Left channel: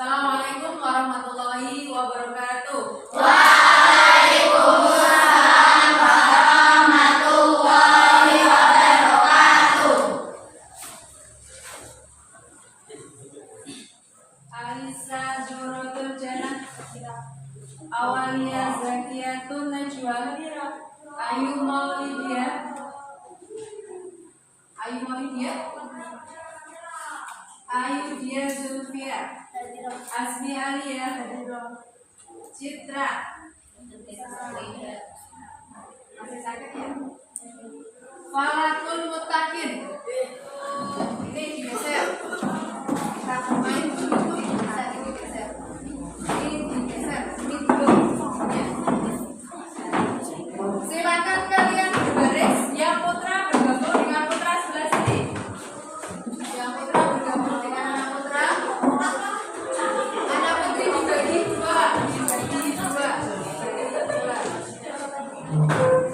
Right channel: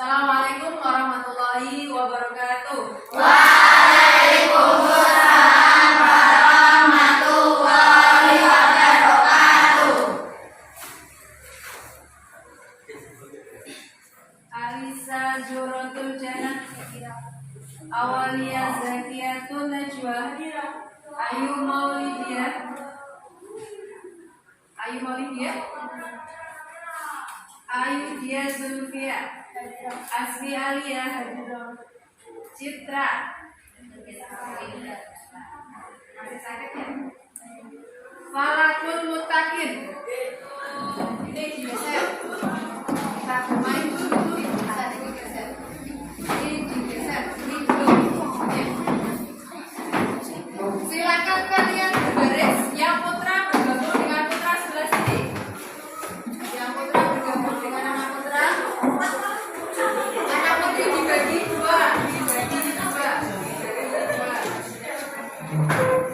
Assalamualaikum warahmatullahi wabarakatuh. Waalaikumsalam warahmatullahi wabarakatuh. Alisa Juratul Jannah, Awalia Zakiyatun Najwa, Ayu Maulidia, Ayu Dia Zulfia, Asmi Alia, Citra, masih sakit ya? Falakul Mutakin. Ini digeser. Kita main dulu, bisa digeser. Ini digeser, ini dulu. Silakan kalian baris. Yang putra bergabung dengan putra sebelah sini. Yang putra bergabung dengan anak putra. Anak putri dibagi dua.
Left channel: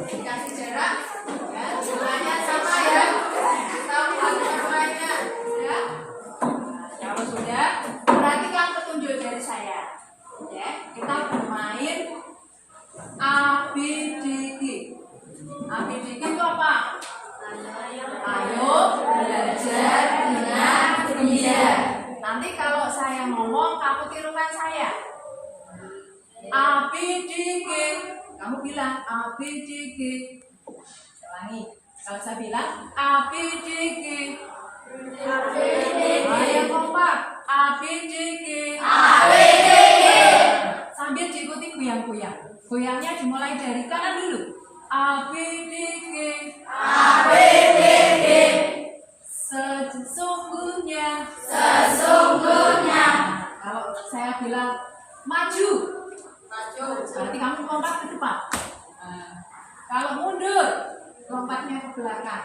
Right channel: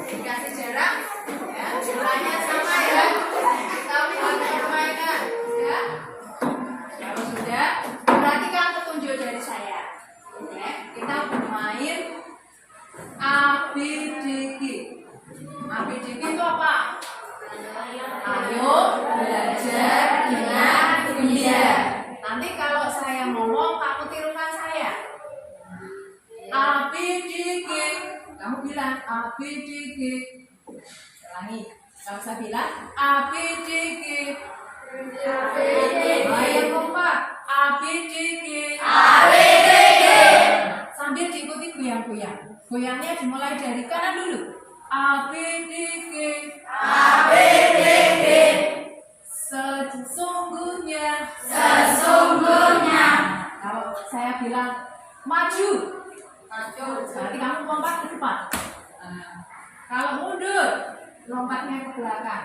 Dikasih jarak. Ya, semuanya sama ya. Kita punya permainan. Ya. Kalau sudah, perhatikan petunjuk dari saya. Ya, kita bermain ABDG. ABDG itu apa? Ayo belajar dengan gembira. Nanti kalau saya ngomong, kamu tirukan saya. ABDG. Kamu bilang ABDG. Ulangi. Kalau saya bilang ABDG. Ayo kompak. ABDG. Sambil diikuti goyang-goyang. Goyangnya dimulai dari kanan dulu. ABDG. Sesungguhnya. Kalau saya bilang maju, berarti kamu lompat ke depan. Kalau mundur, lompatnya ke belakang.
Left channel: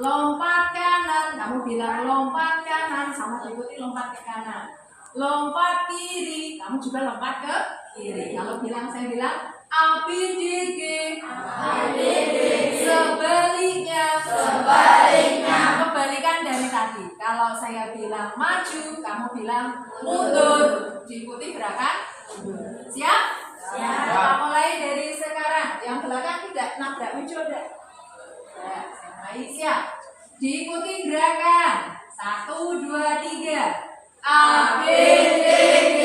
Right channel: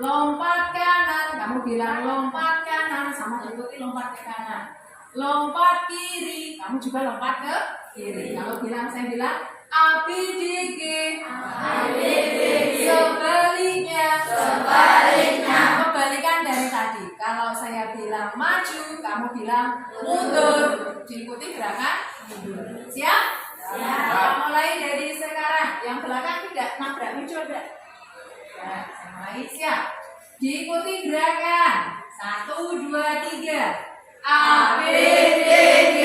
Lompat kanan, kamu bilang lompat kanan, sama ikuti lompat ke kanan. Lompat kiri, kamu juga lompat ke kiri. Kalau saya bilang ABDG. Sebaliknya. Kebalikan dari tadi. Kalau saya bilang maju, kamu bilang mundur. Diikuti gerakan mundur. Siap? Kita mulai dari sekarang. Yang belakang tidak nabrak meja. Ya, saya mulai. Siap? Diikuti gerakan 1, 2, 3. ABDG.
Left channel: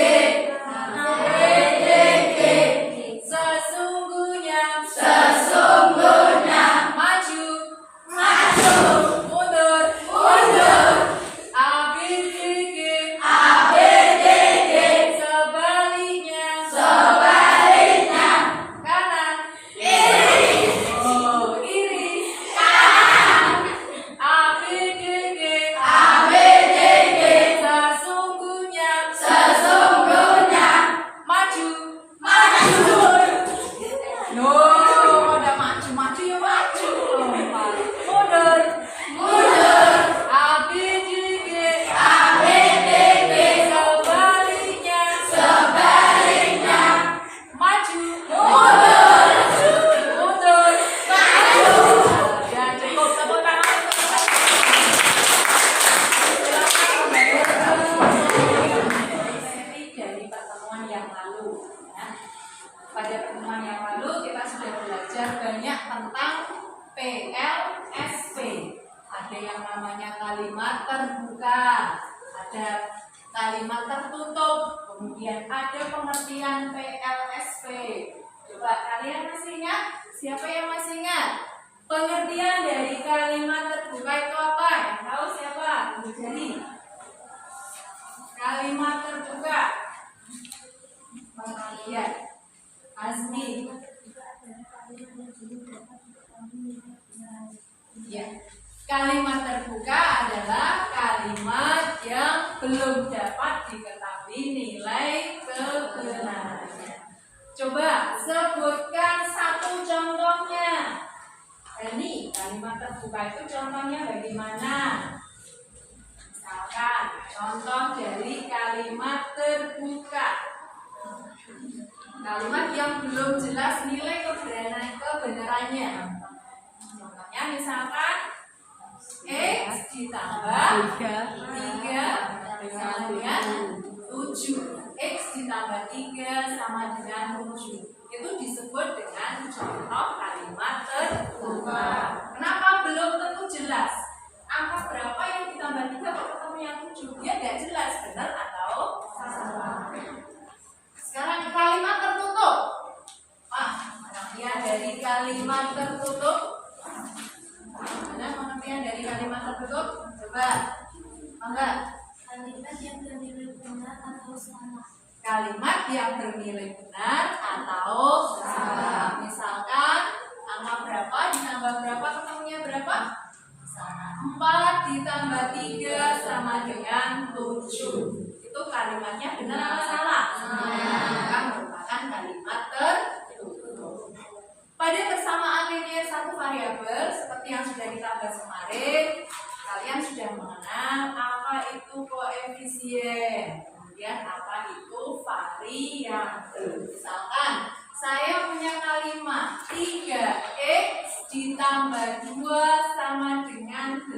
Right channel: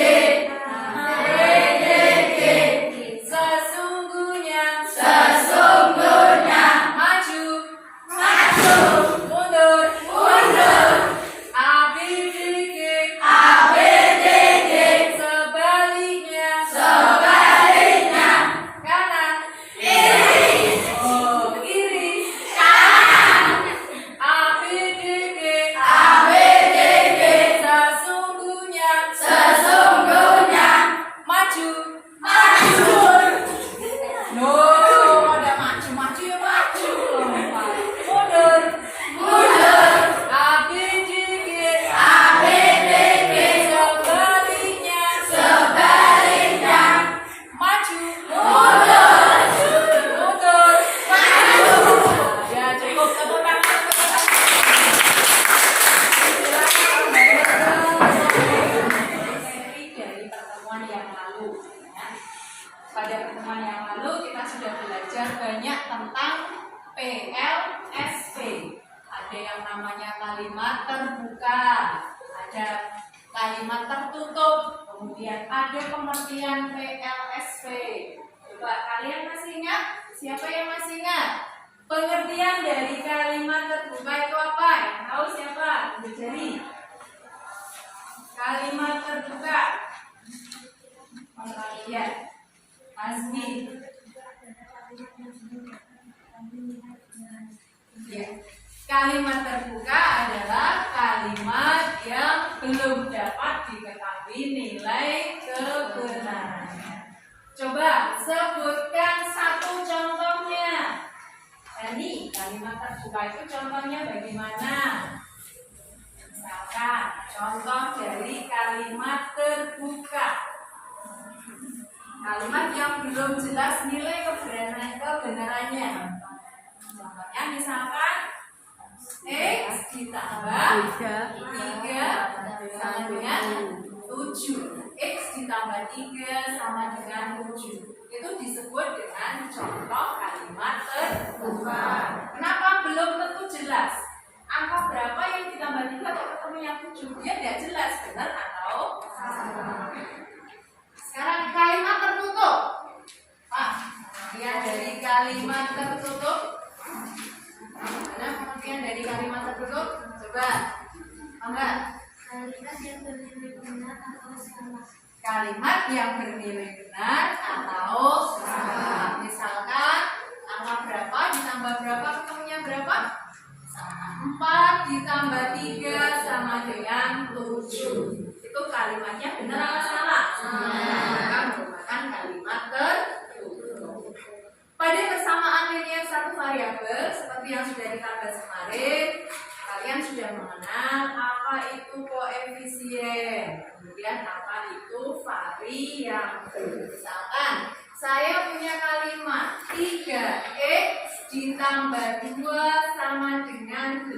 Sesungguhnya. Maju. Mundur. ABDG. Sebaliknya. Kanan. Kiri. ABDG. Sesungguhnya. kalimat terbuka, ada kalimat tertutup, kemudian ada pengertian PLSP. Coba kalian masih ingat? Siapa yang masih ingat? Pengertian dari kalimat terbuka itu apa? Yang tahu siapa? Tunjuk jari. Kalimat terbuka. Pengertian. Azmi. Ya. Kalimat terbuka adalah kalimat yang belum dapat diketahui nilai kebenarannya. Coba sebutkan satu contohnya. Ini kalimat terbuka itu contohnya bagaimana? Misalkan contoh dari kalimat terbuka. Kalimat yang belum jelas nilai kebenarannya. Contohnya misalkan X ditambah 3 sama dengan 7. X ditambah 3 sama dengan 7. Itu disebut dengan contoh kalimat terbuka. Kenapa belum tentu jelas? Angka berapa yang ditambah 3 kok ketemu yang 7? Dia tidak jelas, benar atau salah. Sekarang kalimat tertutup. Pengertian dari kalimat tertutup. Mana pengertian dari kalimat tertutup? Coba, enggak? Kalimat yang bernilai benar atau salah. Kalimat yang bernilai benar atau salah. Misalkan angka berapa ditambah berapa ketemunya berapa? 4 ditambah 3 sama dengan 7. Itu kalimatnya benar atau salah? Maka merupakan kalimat tertutup. Pada persamaan linear satu variabel seperti yang sudah kita bahas kemarin, kalian sudah mengenal apa itu koefisien, kemudian apa itu variabel. Misalkan saya punya kalimat 3x ditambah 2 sama dengan 8.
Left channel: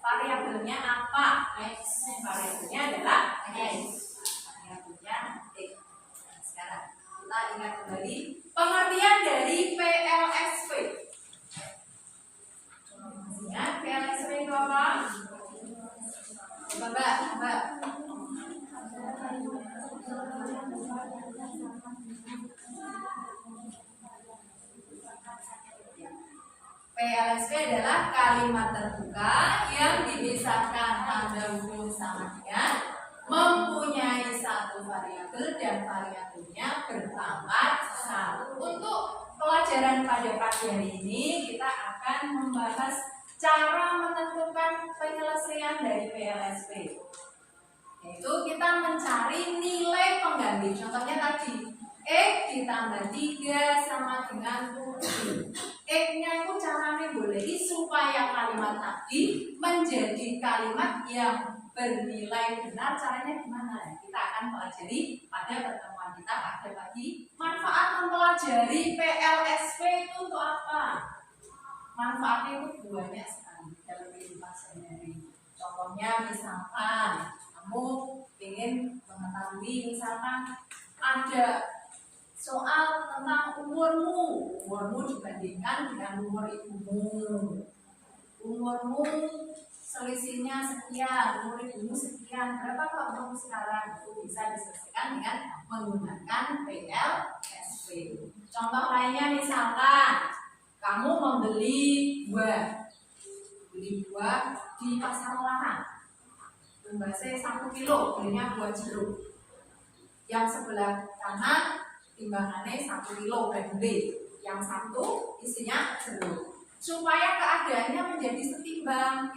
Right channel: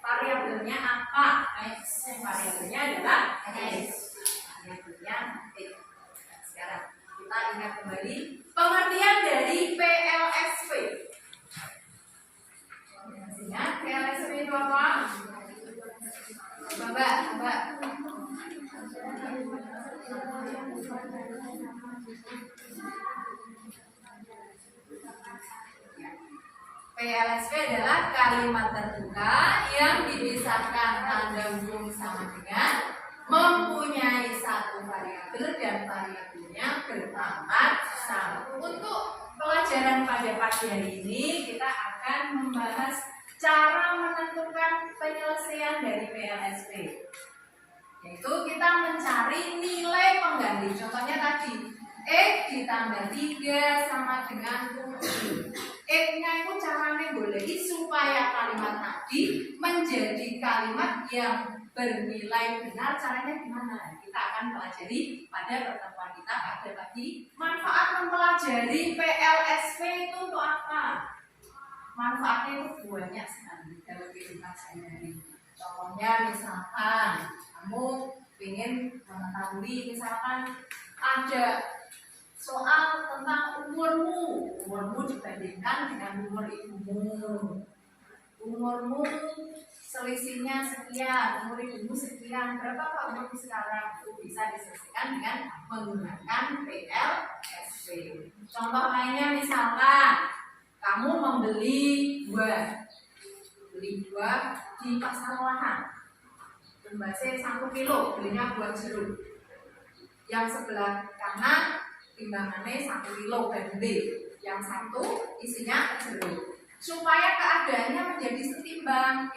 Variabelnya apa? X. Variabelnya adalah X. Variabelnya X. Sekarang kita ingat kembali pengertian dari PLSP. Ingat PLSP itu apa? Mbak. PLSP adalah kalimat terbuka yang dipisahkan tanda hubung sama dengan mempunyai satu variabel dan variabelnya berpangkat 1. Untuk pelajaran pada pagi hari ini kita akan membahas cara menentukan penyelesaian dari PLSP, yaitu kita mencari nilai pengganti. Contohnya tadi X ditambah 3 sama dengan 7. X-nya itu caranya boleh supaya kalimat tadi menjadi kalimat yang bernilai benar. Caranya gimana? Kita akan pelajari pada pertemuan kita pada pagi. Manfaat mempelajari PLSP itu untuk apa? Manfaatnya itu banyak sekali dalam kehidupan sehari-hari. Contohnya misalkan kamu ingin mengetahui, misalkan ada soal tentang umurmu dibandingkan dengan umur ibumu. Umurmu selisihnya sekian, umur ibumu sekian. Berapa umurmu sekarang? Itu bisa diselesaikan dengan menggunakan PLSP. Contoh lainnya misalkan kamu membeli buah di pasar olahan. Jumlahnya 1 kilo, belinya buah jeruk. Yang sebelah kanan timbangannya 1 kilo dan B, yang satu isinya jeruk. Supaya keadaannya menjadi setimbang,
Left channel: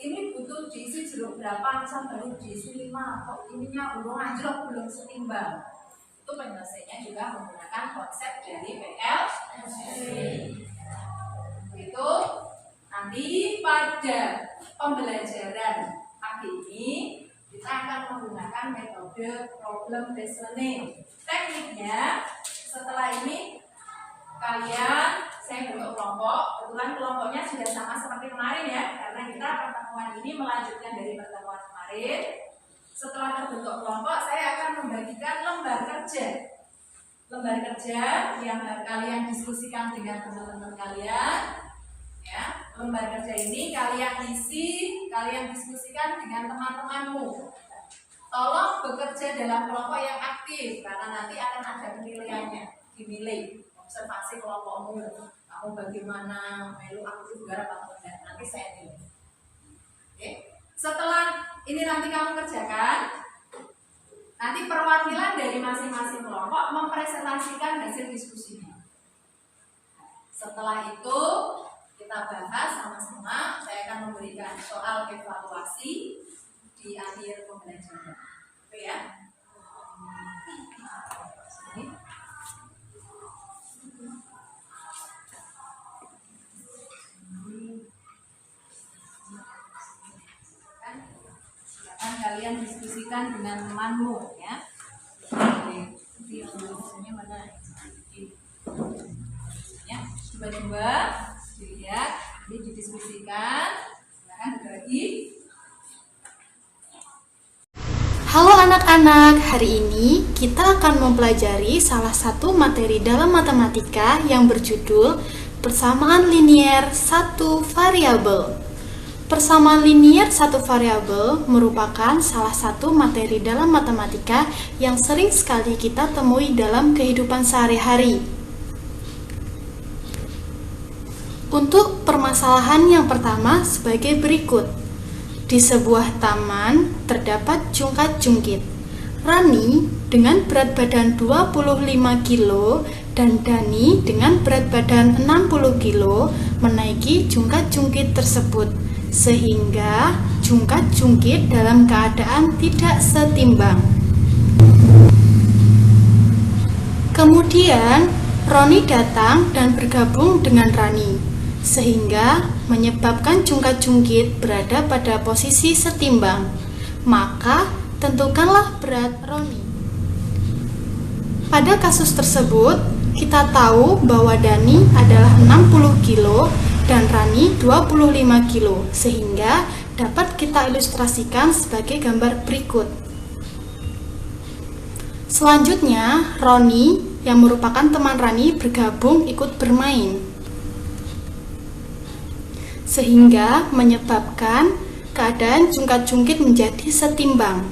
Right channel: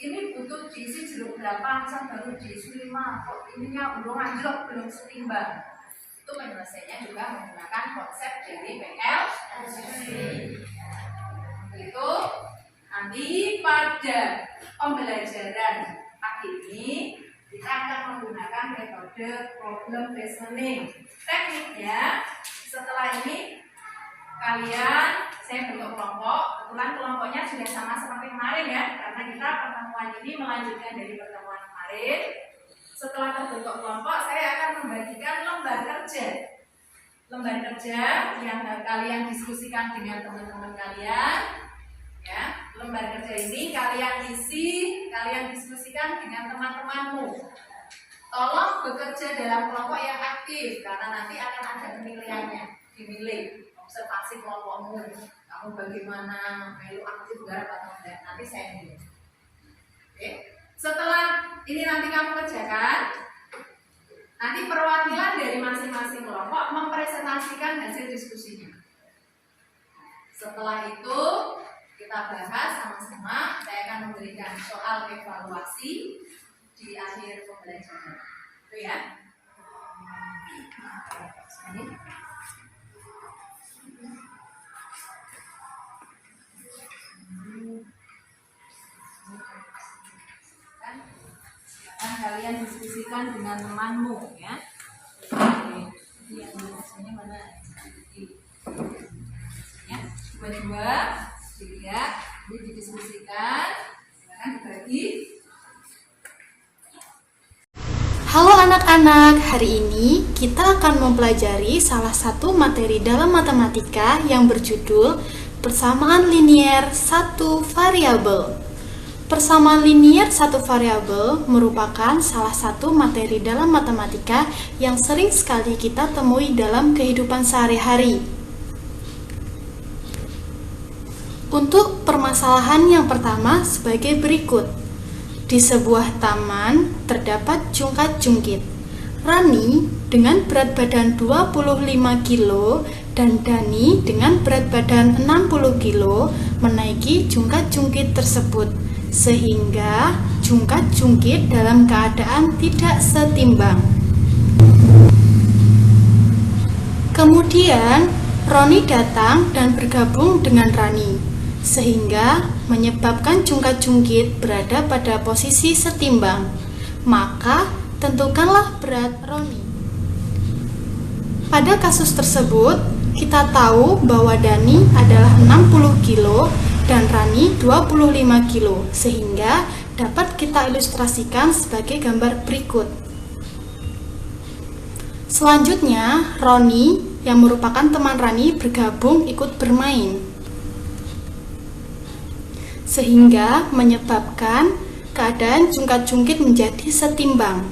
ini butuh diisi jeruk berapa, misal baru diisi 5, kok ininya belum anjlok, belum setimbang. Itu penyelesaiannya juga menggunakan konsep dari PLSP. Itu nanti pada pembelajaran pagi ini kita akan menggunakan metode problem based learning. Tekniknya setelah ini saya bentuk kelompok. Kebetulan kelompoknya sudah sama seperti kemarin ya, karena kita pertemuan ini melanjutkan dari pertemuan kemarin. Setelah terbentuk kelompok, saya akan membagikan lembar kerja yang kalian diskusikan dengan teman-teman kalian, ya. lembar kerja ini kalian isi, kalian diskusikan dengan teman-temanmu. Tolong bekerja dalam kelompok yang aktif karena nanti akan ada penilaiannya, dimilih observasi kelompokmu. Kamu bagaimana, melu aktif garap atau enggak? Nanti saya nilai. Oke. Setelah ini nanti kamu kerjakan, nanti perwakilan dari masing-masing kelompok mempresentasikan hasil diskusinya. Setelah itu kita bahas sama-sama. Saya akan memberikan soal evaluasi di akhir pembelajaran. Itu ya. Sini. Silakan kalian diskusikan dengan temanmu ya. Jadi yang biasanya mana? Ya, coba-coba dilihat, ini didiskusikan, silakan dibagi. Halo anak-anak, hari ini kita akan mempelajari salah satu materi dalam matematika yang berjudul persamaan linier satu variabel. Persamaan linier satu variabel merupakan salah satu materi dalam matematika yang sering sekali kita temui dalam kehidupan sehari-hari. Untuk permasalahan yang pertama sebagai berikut. Di sebuah taman terdapat jungkat-jungkit. Rani dengan berat badan 25 kilo dan Dani dengan berat badan 60 kilo menaiki jungkat-jungkit tersebut, sehingga jungkat-jungkit dalam keadaan tidak setimbang. Kemudian Roni datang dan bergabung dengan Rani, sehingga menyebabkan jungkat-jungkit berada pada posisi setimbang. Maka tentukanlah berat Roni. Pada kasus tersebut, kita tahu bahwa Dani adalah 60 kilo dan Rani 25 kilo, sehingga dapat kita ilustrasikan sebagai gambar berikut. Selanjutnya, Roni yang merupakan teman Rani bergabung ikut bermain, sehingga menyebabkan keadaan jungkat-jungkit menjadi setimbang.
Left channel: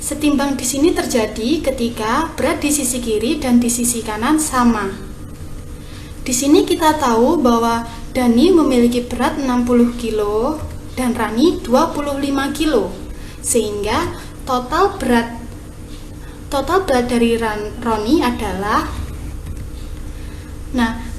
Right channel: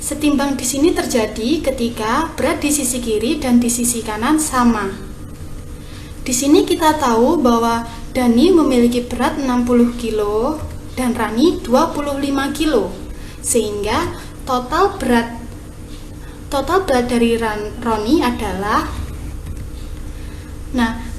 Setimbang di sini terjadi ketika berat di sisi kiri dan di sisi kanan sama. Di sini kita tahu bahwa Dani memiliki berat 60 kilo dan Rani 25 kilo, sehingga total berat dari Roni adalah,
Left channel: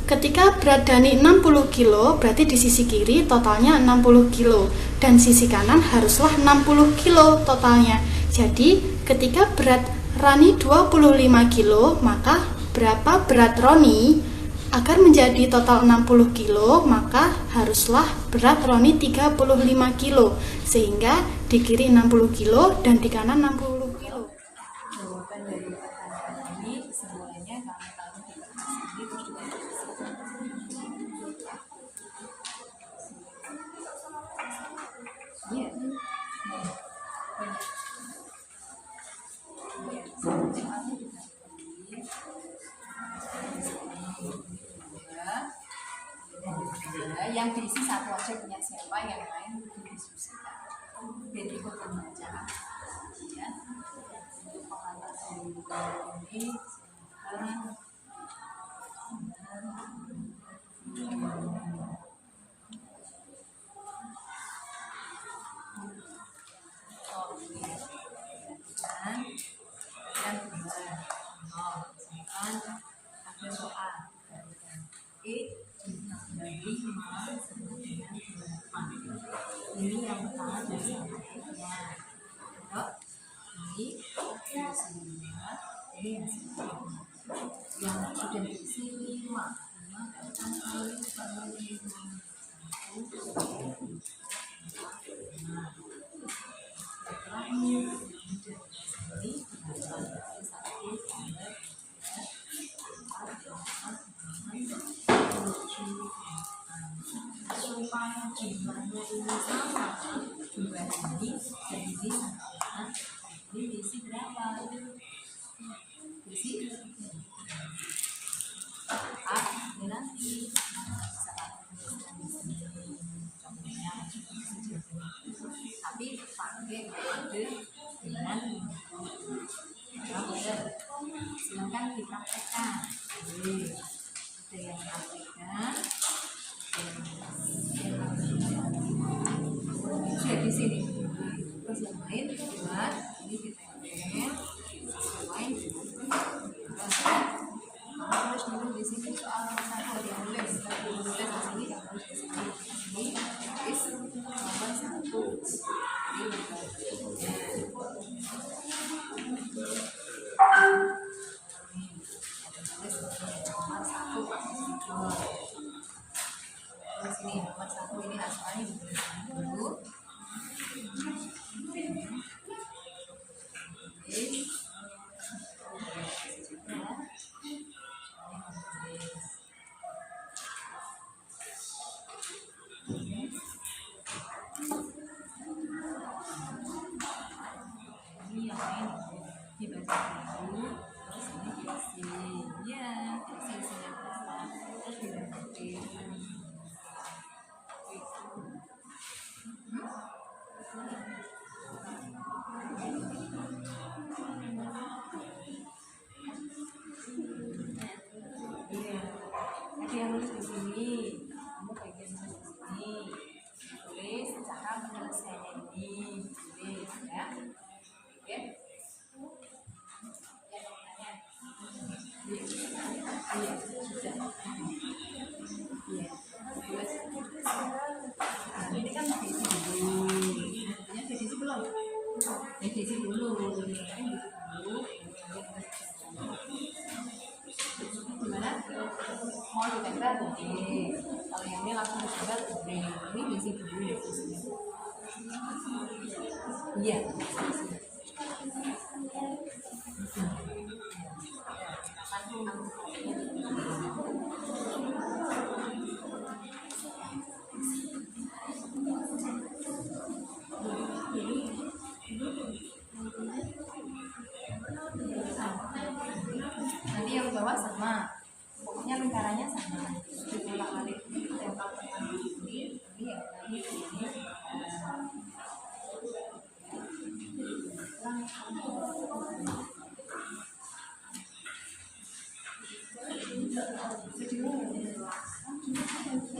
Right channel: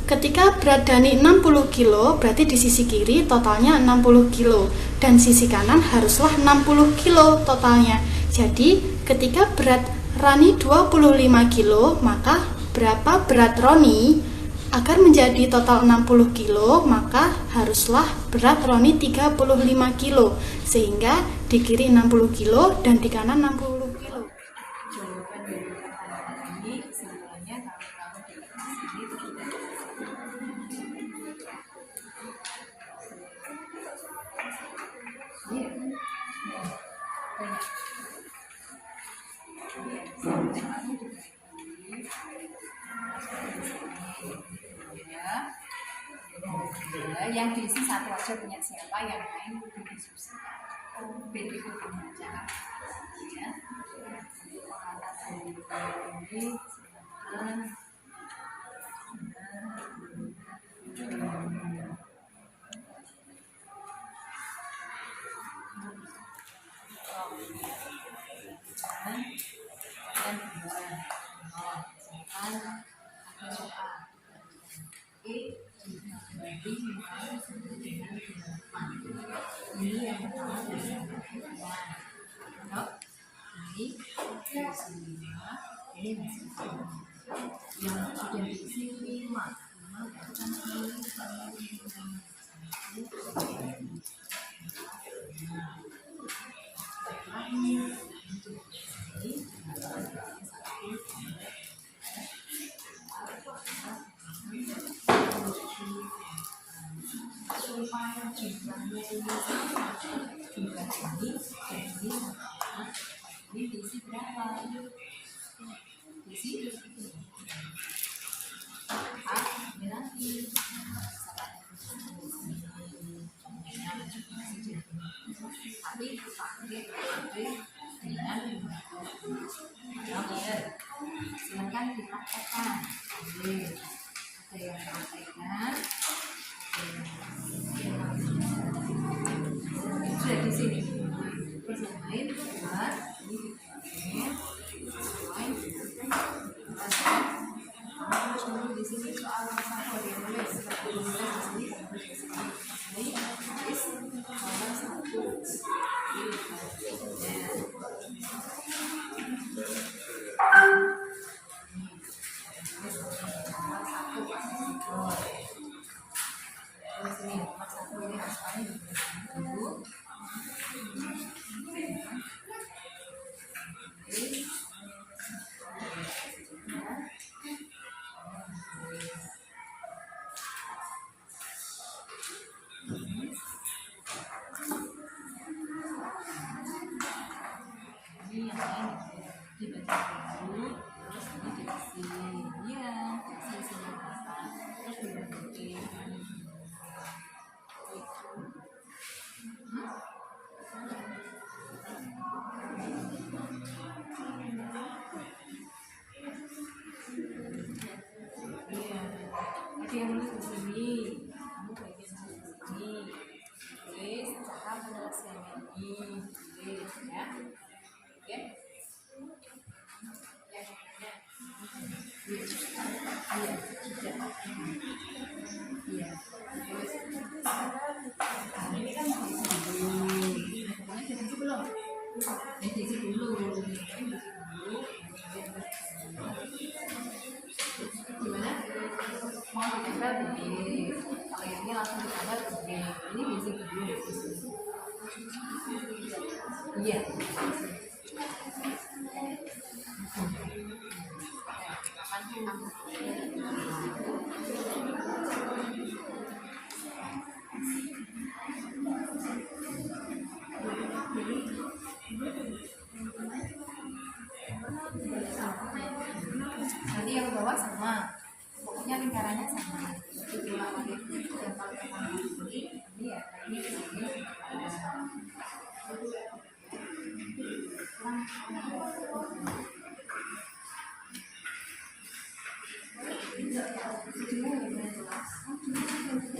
ketika berat Dani 60 kilo, berarti di sisi kiri totalnya 60 kilo dan sisi kanan haruslah 60 kilo totalnya. Jadi ketika berat Rani 25 kilo, maka berapa berat Roni? Agar menjadi total 60 kilo, maka haruslah berat Roni 35 kilo, sehingga di kiri 60 kilo dan di kanan 60 kilo. Jawaban dari pertanyaan ini kesimpulannya kamu tahu di kertas ini terus kita iya. Banyak. Yang diisi satu aja punya siapa, yang lain didiskusikan. Biar ikut pembacaan. Ya. Penghalasan ini silakan. Dan beneran. Misalkan ada soal bagi 5 sama dengan 8. Ini yang pertama dari sahabatnya. Ini diisi 5, ini masih 5. Yang sudah diisi 5 kalikan kali 5. Terakhir supaya jumlahnya ini sama, jumlah ini dan ini sama. Ini diisi berapa? Diisi ini nanti di sini. Terus yang lain buat ini ditempel sesuai terus ya. Kamu harus nulis di sini soal nomor 1 dia nulis. Kamu nulis di sini, kamu nulis di sini. Ini tulis nomor 1. Ini ya. Terus ini nomor 1 ini hasilnya dulu. Ini yang lain dibaca dulu, terus ini diisi, ya, diisi isinya berapa, terus dibantuin. Iya, ada yang nulis di sini, kamu bagian nulis di sini, tulis cara penyelesaiannya ini, tulis ya, oke? Iya, sudah. Iya, tulis. Nah, ini kan diisi dulu. Nah, diisi belum? Diisi dulu. Gimana? Mau ditempel boleh. Kalau yang ini langsung ditempel boleh. Ini diisi dulu. Iya. Nanti yang bawah sama, pokoknya lingkarannya sama. Diulang lagi yang paling pertama ini ya, ini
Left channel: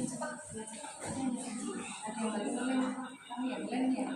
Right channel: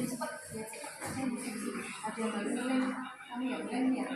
cepat ya, ada yang baru lem, kamu yang lem ya,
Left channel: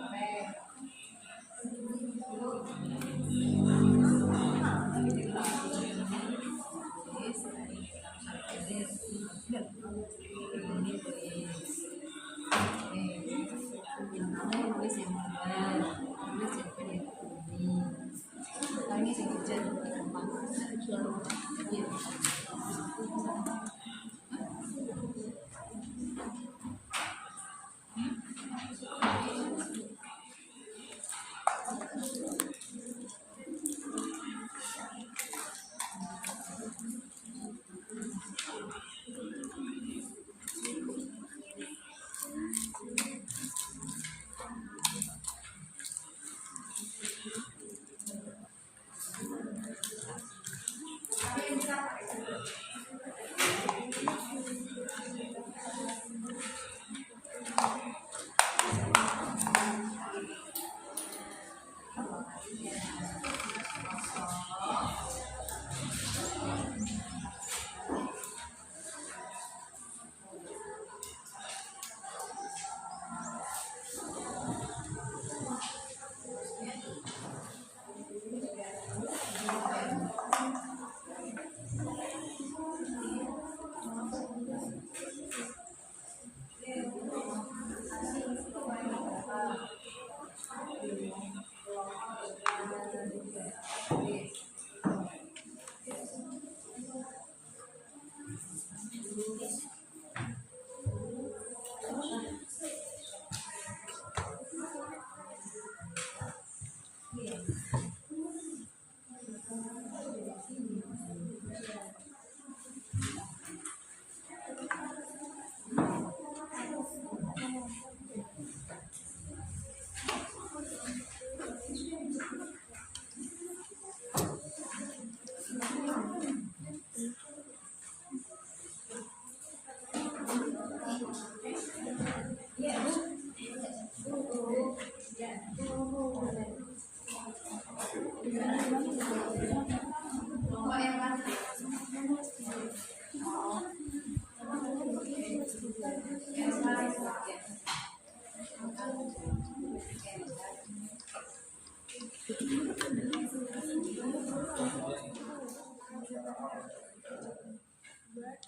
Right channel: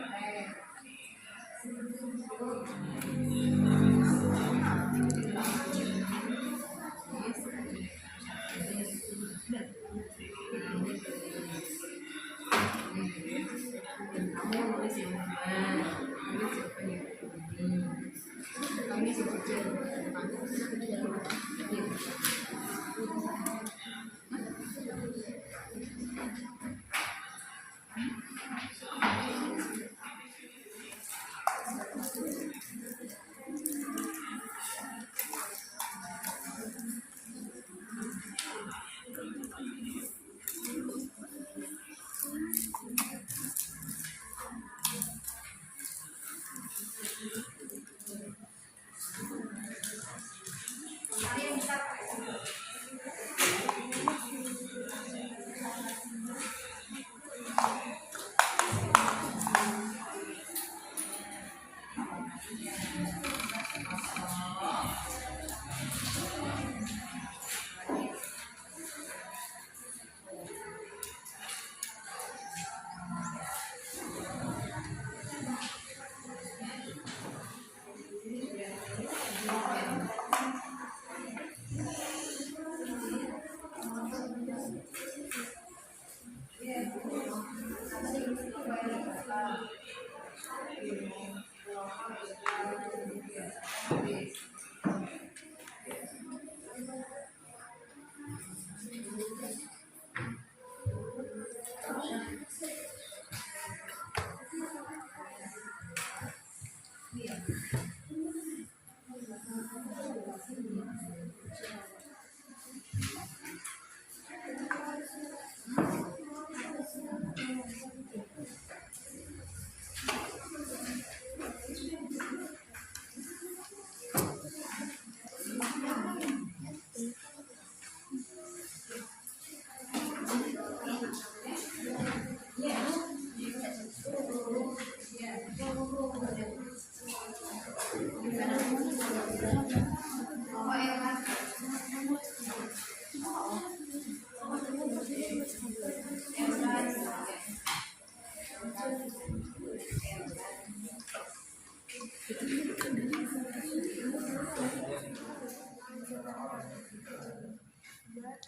Buat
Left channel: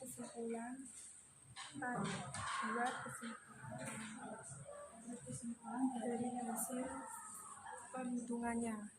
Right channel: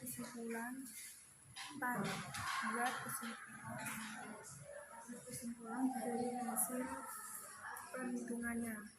kesimpulan dari hasil perhitungannya.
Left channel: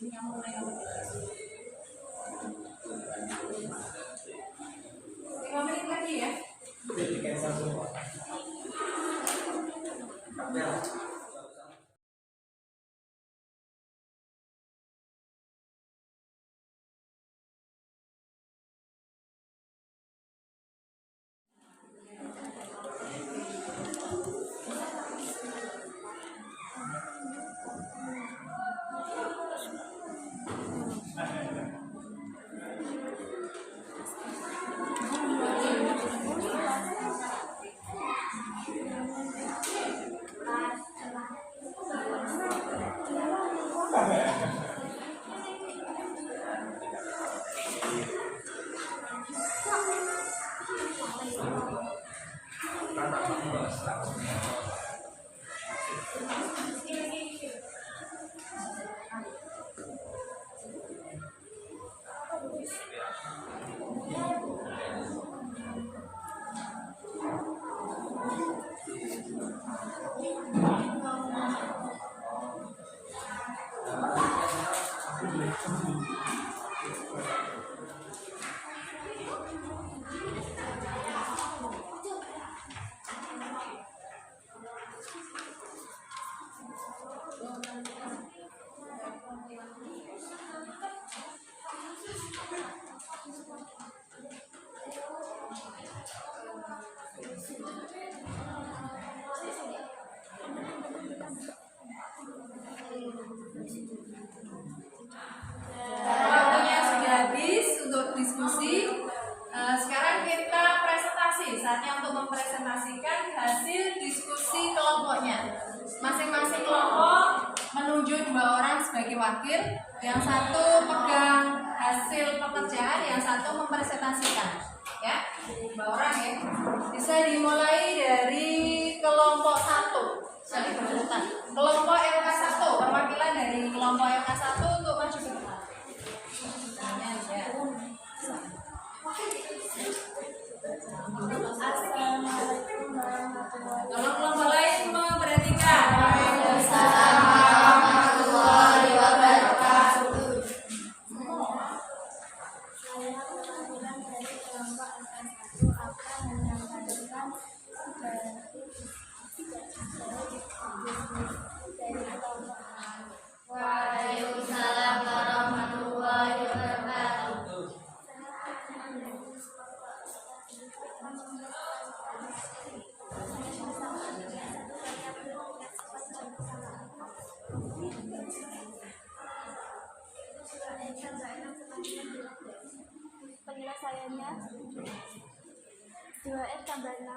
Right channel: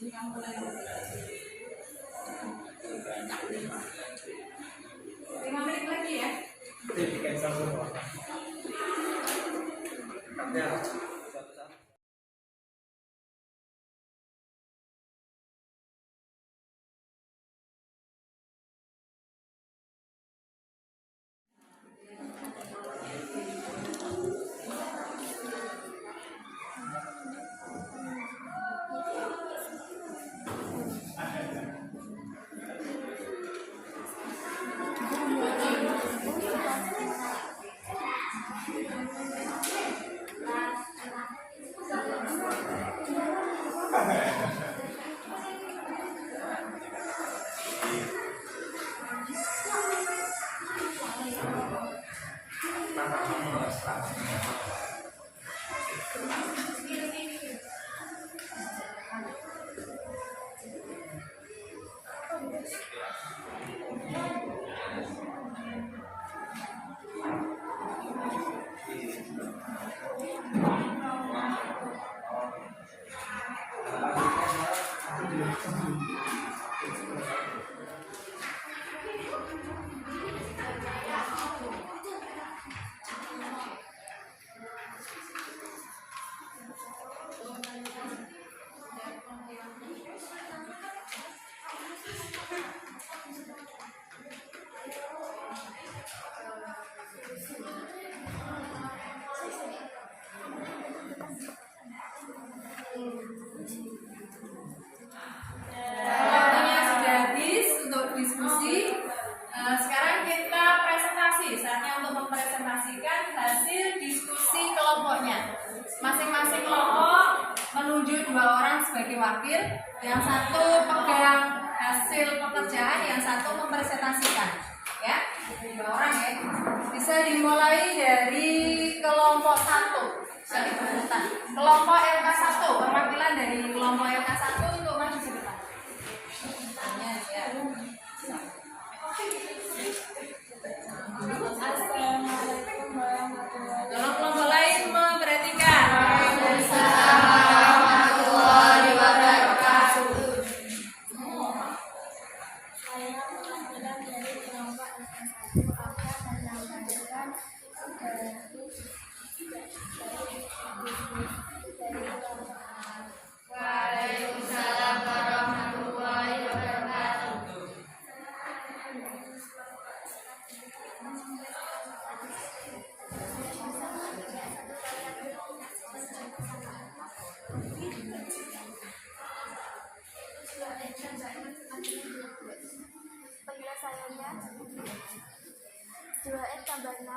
Ini kamu mulai nomor 5 menit lagi ya. Waktunya sudah habis untuk diskusi. Sekarang kita presentasi. Saatnya untuk mempresentasikan hasil diskusi kelompoknya. Masing-masing kelompok menunjuk 2 orang sebagai wakil. Yang satu pegang hasil pekerjaan, yang satu mempresentasikan. Ya, 2 orang ya. Bisa dimulai dari kelompok 1. Jadi berurutan. Kelompok LK1, perwakilan dari kelompok LK1 untuk maju ke depan. Assalamualaikum warahmatullahi wabarakatuh. Kalau kelompok lain memperhatikan. Saya perwakilan dari kelompok LK1 akan menyampaikan dari kelompok A. Waalaikumsalam warahmatullahi wabarakatuh. Penyelesaiannya 2R tambah 6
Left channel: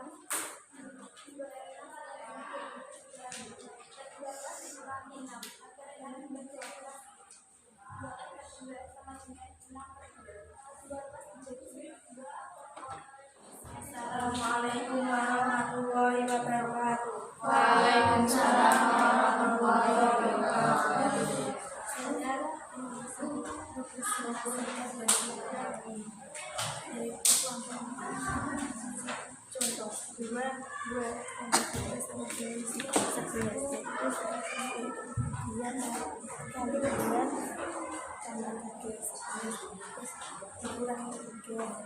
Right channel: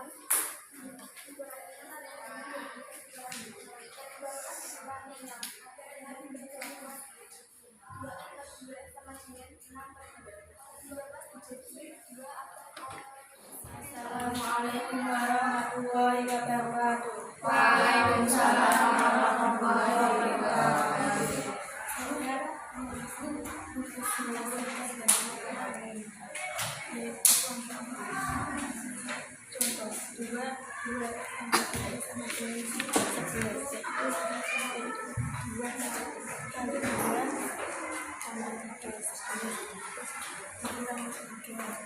Assalamualaikum warahmatullahi wabarakatuh. Waalaikumsalam warahmatullahi wabarakatuh. Contoh 2 tambah 3 sama 2 11. Jadi 2 kali 2 tambah 3 11. Dikurang 3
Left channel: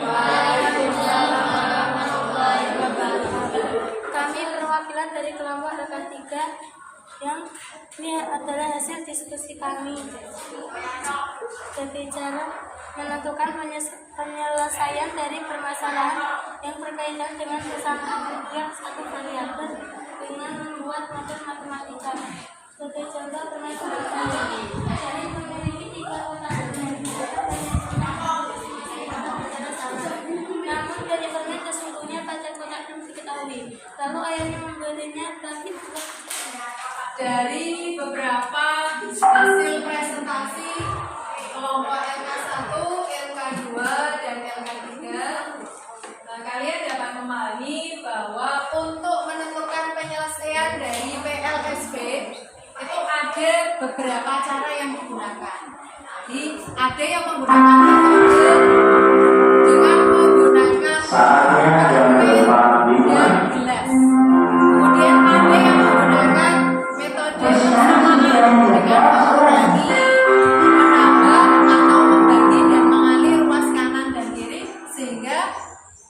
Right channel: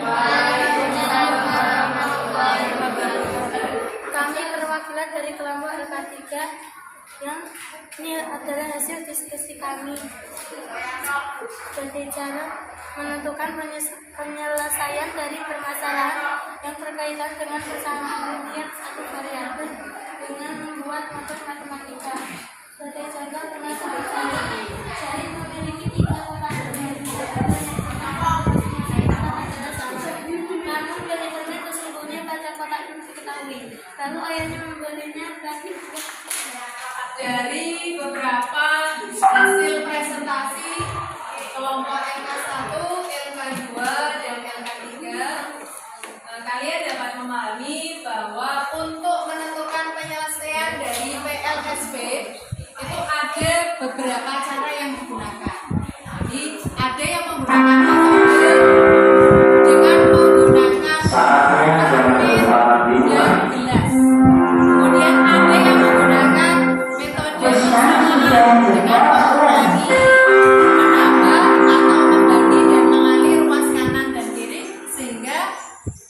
Waalaikumsalam warahmatullahi wabarakatuh. ketiga, yang ini adalah hasil diskusi kami. Sebagai cara menentukan penyelesaian dari permasalahan yang berkaitan dengan persamaan rupiah satu variabel dengan membuat model matematika. Sebagai contoh permasalahan tadi, cari memiliki 3 kotak namun Jennifernya sesungguhnya pada kotak yang diketahui. Lalu ayahnya membelinya lagi. Dari beberapa hasil presentasi kelompok LK1, LK2, dan LK3, kalian dapat memahami bahwa untuk menentukan penyelesaian dari PLSP itu ada beberapa cara yang digunakan. Jadi ada yang menggunakan metode dengan menggunakan permen dan gelas. Kemudian ada yang menggunakan metode persamaan dengan mengurangi, menambah atau membagi dan mengalir ruas kanan dan kiri sehingga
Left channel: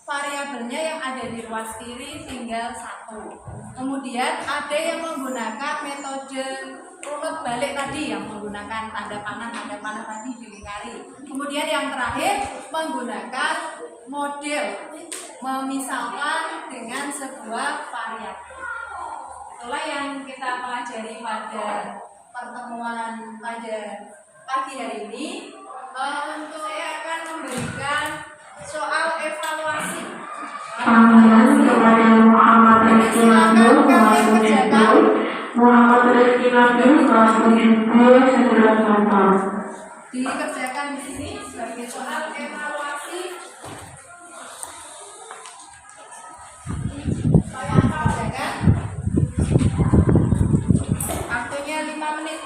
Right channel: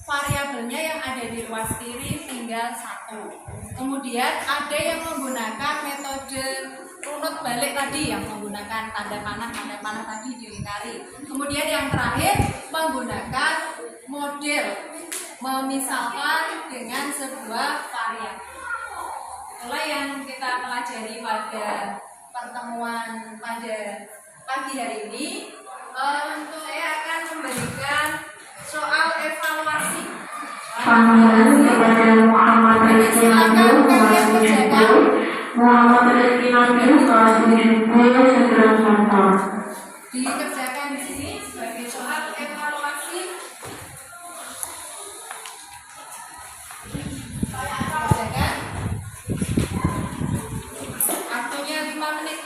variabelnya yang ada di ruas kiri tinggal 1. Kemudian ada yang menggunakan metode runut balik tadi yang menggunakan tanda panah tadi dilingkari. Kemudian yang terakhir menggunakan model memisalkan dengan sebuah variabel. Itulah yang kita pelajari pada pertemuan pada pagi hari ini. Saya akan memberikan soal evaluasi. Jadi silakan kalian kerjakan. Dikerjakan di sini sebagai soal evaluasi. Kerjakan. Waktunya 5 menit.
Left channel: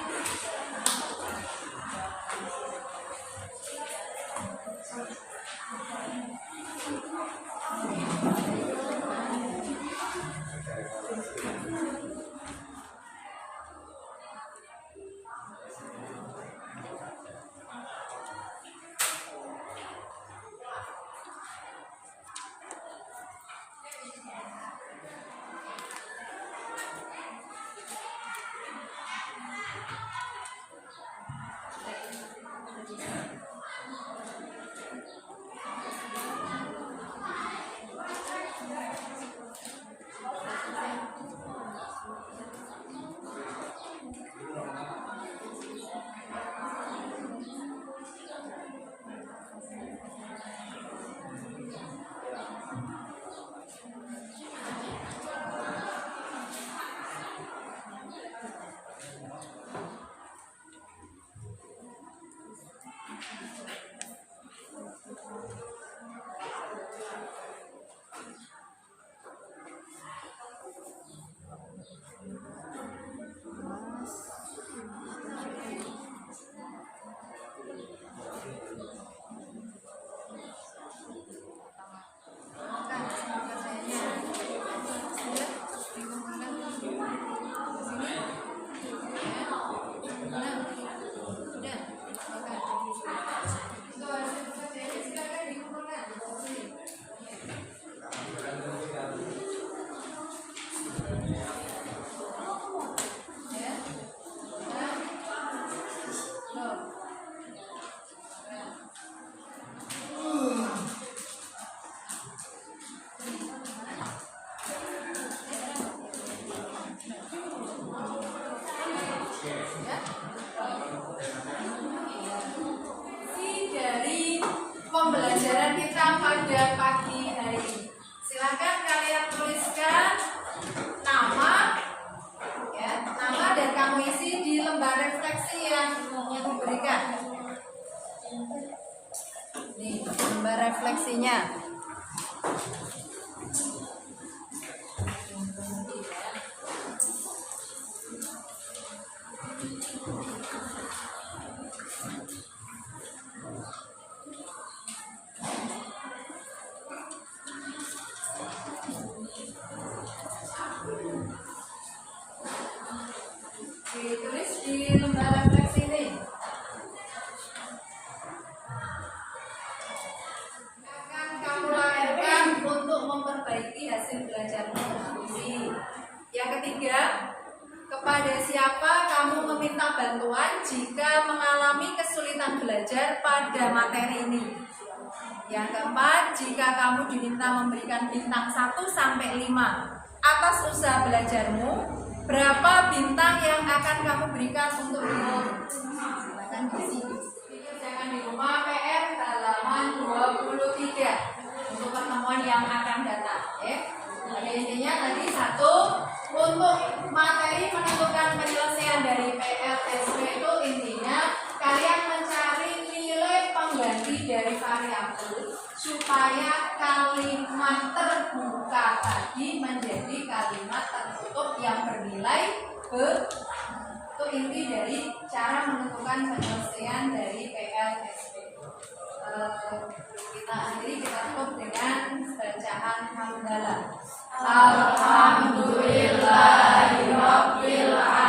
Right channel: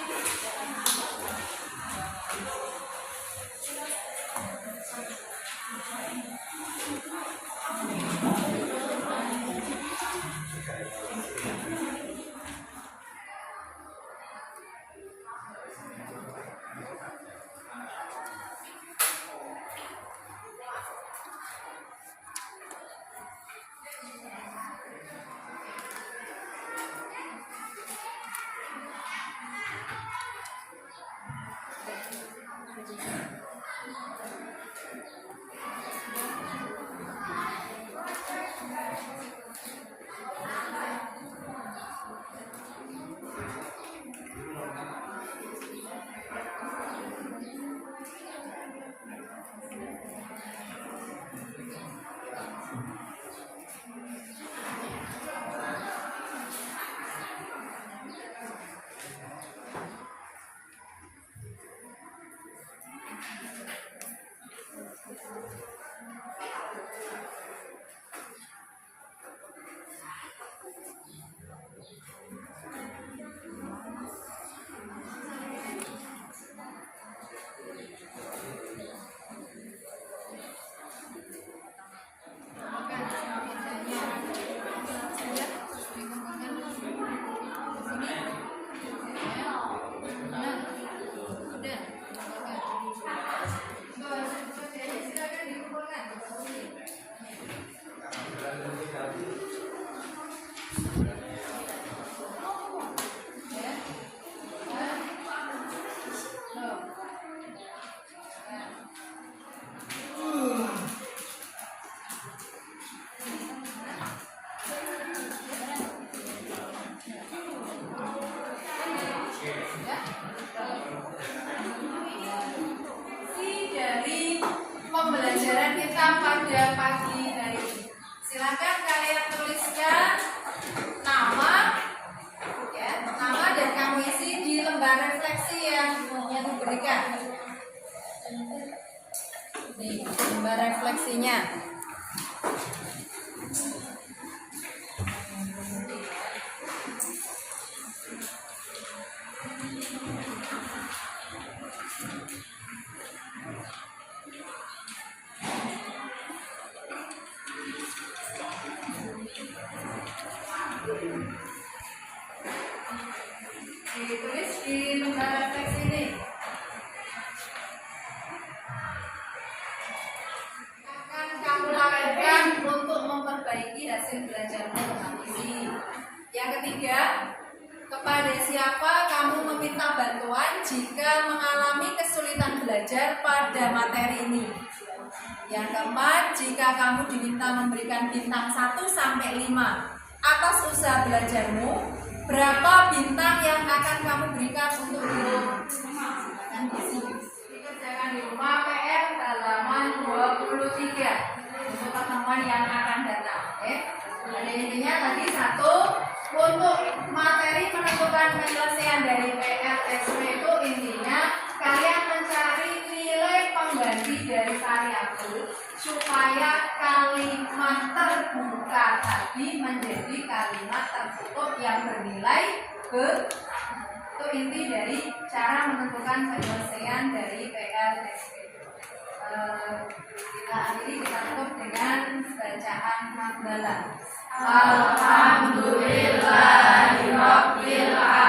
Pembelajaran kita pada pagi hari ini. Silakan kalian tuliskan nama, nama dan kamu isi di lembar refleksi yang diberikan. Nih, lembar refleksinya. Ditulis di lembar refleksi ini. Akan kamu lakukan untuk memperbaiki hasil belajarmu. Yang ketiga, Kepada siapa kamu meminta bantuan jika mengalami kesulitan belajar pada materi ini? Yang keempat, jika kamu diminta memberikan bintang 1 sampai 5 atas usaha belajarmu, berapa bintang yang akan kamu berikan untuk dirimu? Silakan diisi. Dikerjakan di rumah PR halaman 23 untuk pertemuan yang akan datang. Ada intinya tadi 1. Untuk materi menentukan penyelesaian dari PLSW itu intinya kalian mencari nilai pengganti dari variabel supaya kalimat terbuka tadi menjadi kalimat tertutup yang bernilai ke. Itu inti dari cara menentukan penyelesaian dari PLSW. Kita akhiri, kita tutup dengan bacaan hamdalah. Alhamdulillahirabbil alamin.